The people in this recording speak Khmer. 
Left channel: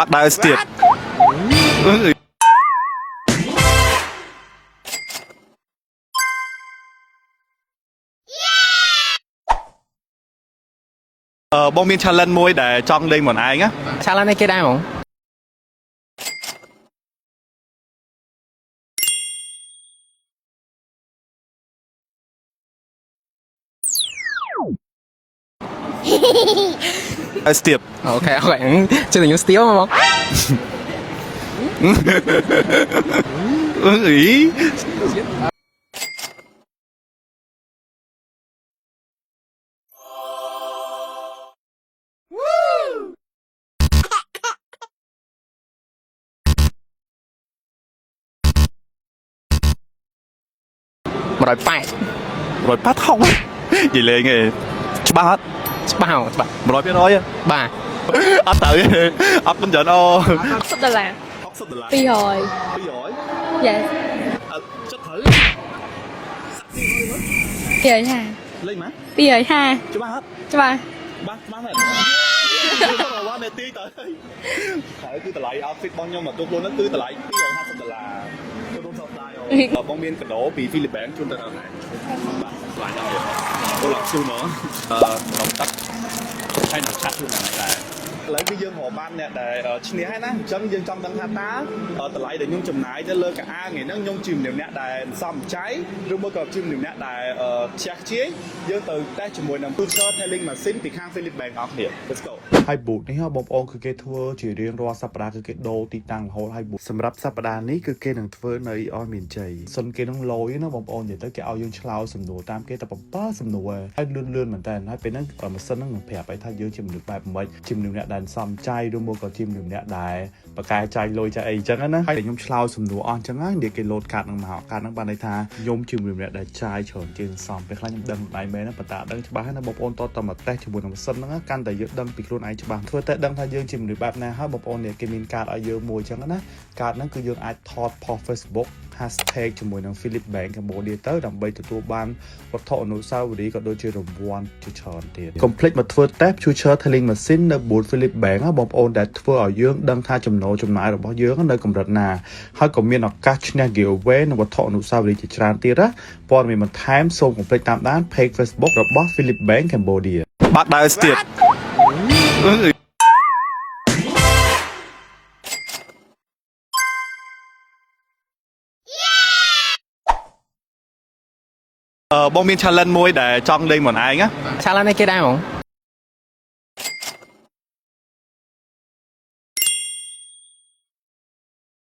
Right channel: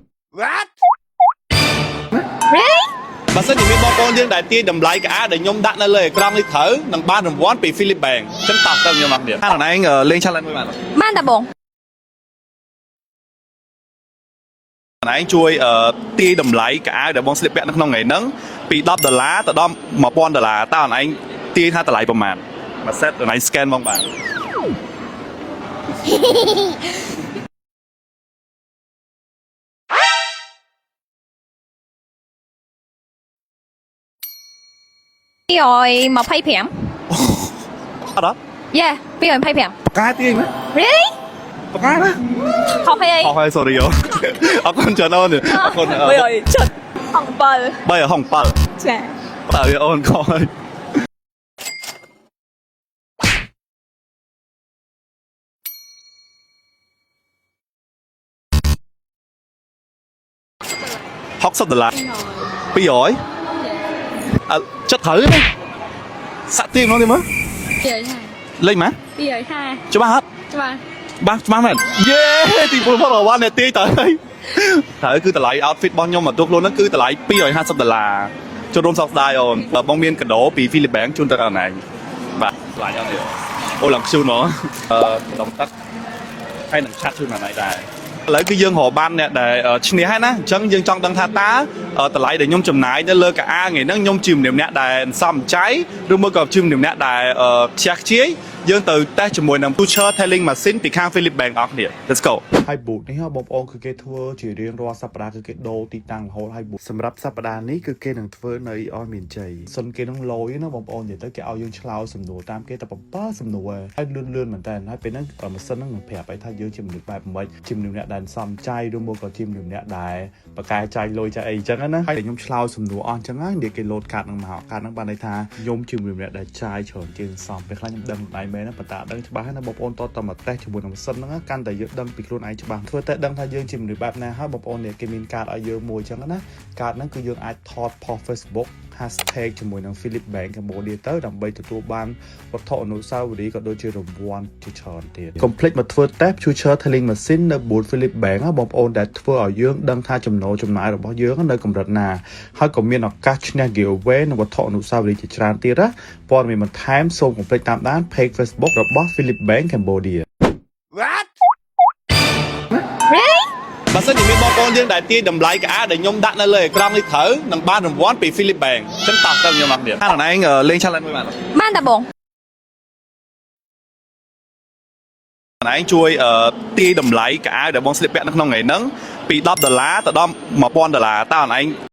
បាក់ដើរស្ទៀតបើសិនជាមានបងប្អូនយើងដែលទាញតម្លៃកាដែលខ្ញុំដាក់នៅលើអេក្រង់នេះត្រូវនឹងបានរង្វាន់ពី Philip Bank អញ្ចឹងតោះទៅខ្ញុំមកទៀតអានឯងលេង challenge មួយបានបានតាបងបងមាន challenge មួយដែលចង់លេងខ្លួនឯងណា challenge នេះគេដែរហ្មងខ្លួនឯងជួយទាញតម្លៃកាដែលបងស្លៀកពាក់នៅក្នុងថ្ងៃហ្នឹងពី$10ទៅដល់$1000តើខ្លួនឯងទាញថាតម្លៃប្រហែលមួយ set ខ្លួនឯង scan មកបានហើយស្ទាបអូខេជឿតែខ្ញុំស្ទាបហ្មងអឺអី225អត់Yeah 225បកាទាញណា Really បកាណាខុសហើយ sorry អរគុណច្រើនអូនអរគុណ370ហង7 307ចាបើអូនខុសហើយ180 180ហុងនិយាយលេងឯងច្បាស់អត់ច្បាស់100%បាទអត់ទៅអរគុណច្រើនអូ$60 $60 200 Yes អត់ចិត្តត្រូវសាក់ទៀងនោះទេមើល250លេងម៉ា250ច្បាស់អត់ច្បាស់មែនយេទីពលផុសរវ៉ាន់អ្នកទាញទៅហើយគឺតម្លៃ outfit របស់ខ្ញុំមកទុកខ្លួនហ្នឹងគឺតម្លៃ$250ចូលរួមសោកស្ដាយអូនបងមានកាដូពី Philip Bank ជូនទៅដល់ណែបាទថ្លៃអត់ទៀតអូឡើងជូនហ្មងទឹកហើយនឹងឆាត់ជូនណែដែរឥឡូវគឺយើងរកបានអ្នកដែលឈ្នះហើយណាអញ្ចឹងយើងចង់ដឹងថាតើតម្លៃដែលខ្ញុំចំណាយទៅលើកាអាថ្ងៃហ្នឹងខ្ញុំជាម្នាក់ដែលសំចៃឬមួយក៏ជាម្នាក់ដែលខ្ជះខ្ជាយយើងទៅតេស្តជាមួយនឹង Future Telling Machine ពីខាង Philip Bank អស់គ្នា Let's go ហើយ boot នេះបងប្អូនគឺគេធ្វើជារៀងរាល់សប្តាហ៍គឺគេដូរទីតាំងរហូតហើយ boot សម្រាប់សប្តាហ៍នេះគឺគេនឹងធ្វើនៅឲ្យមានជ័យសិនគេនឹងលយណាបងប្អូននិយាយទៅគេឲ្យយើងឆ្លើយសំណួរតាមគេតែ7សំណួរហើយលឿនមែនតើហើយពេលហ្នឹងម៉ាស៊ីនហ្នឹងនឹងប្រាប់ឲ្យថាយើងជាមនុស្សបែបម៉េចជាមនុស្សអ្នកដែលសំចៃឬមកក៏ជាមនុស្សអ្នកដែលបកកែចាយលុយចាយអីចឹងណាហើយខ្ញុំឆ្លើយសំណួរអស់ចឹងហើយនិយាយគេលោតកាតហ្នឹងមកកាតហ្នឹងបានន័យថាខ្ញុំជាមនុស្សអ្នកដែលចាយច្រើនជាងសំពេលខ្លះខ្ញុំដឹងដៃមែនណាប៉ុន្តែដឹងច្បាស់ហើយណាបងប្អូនតតមកតេស្តជាមួយនឹងម៉ាស៊ីនហ្នឹងកាន់តែយើងដឹងពីខ្លួនឯងច្បាស់ធ្វើតែដឹងថាយើងជាមនុស្សបែបណាហើយបងប្អូននេះគេមានកាតឲ្យយើងមួយចឹងណាកាតហ្នឹងគឺយើងអាចថត post Facebook hashtag ជាមួយនឹង Philip Bank Cambodia ទៅដើម្បីទទួលបានវត្ថុអនុស្សាវរីយ៍ក៏ដូចជារង្វាន់ជាច្រើនទៀត Complete មកធ្វើ test Future Telling Machine នៅ booth Philip Bank បងប្អូនដែលធ្វើឲ្យយើងដឹងថាចំណូលចំណាយរបស់យើងនៅកម្រិតណាហើយក៏មានឱកាសឈ្នះ giveaway និងវត្ថុអនុស្សាវរីយ៍ជាច្រើនទៀតណាព័ត៌មានបន្ថែមសូមកុំភ្លេចតាមដាន page Facebook របស់ Philip Bank Cambodia បាក់ដើរស្ទៀតបើសិនជាមានបងប្អូនយើងដែលទាញតម្លៃកាដែលខ្ញុំដាក់នៅលើអេក្រង់នេះត្រូវនឹងបានរង្វាន់ពី Philip Bank អញ្ចឹងតោះទៅខ្ញុំមកទៀតអានឯងលេង challenge មួយបានតាបងមាន challenge មួយដែលចង់លេងខ្លួនឯងណា challenge នេះគេដែរហ្មងខ្លួនឯងជួយទាញតម្លៃកាដែលបងស្លៀកពាក់នៅក្នុងថ្ងៃហ្នឹងពី$10ទៅដល់$1000តើខ្លួនឯង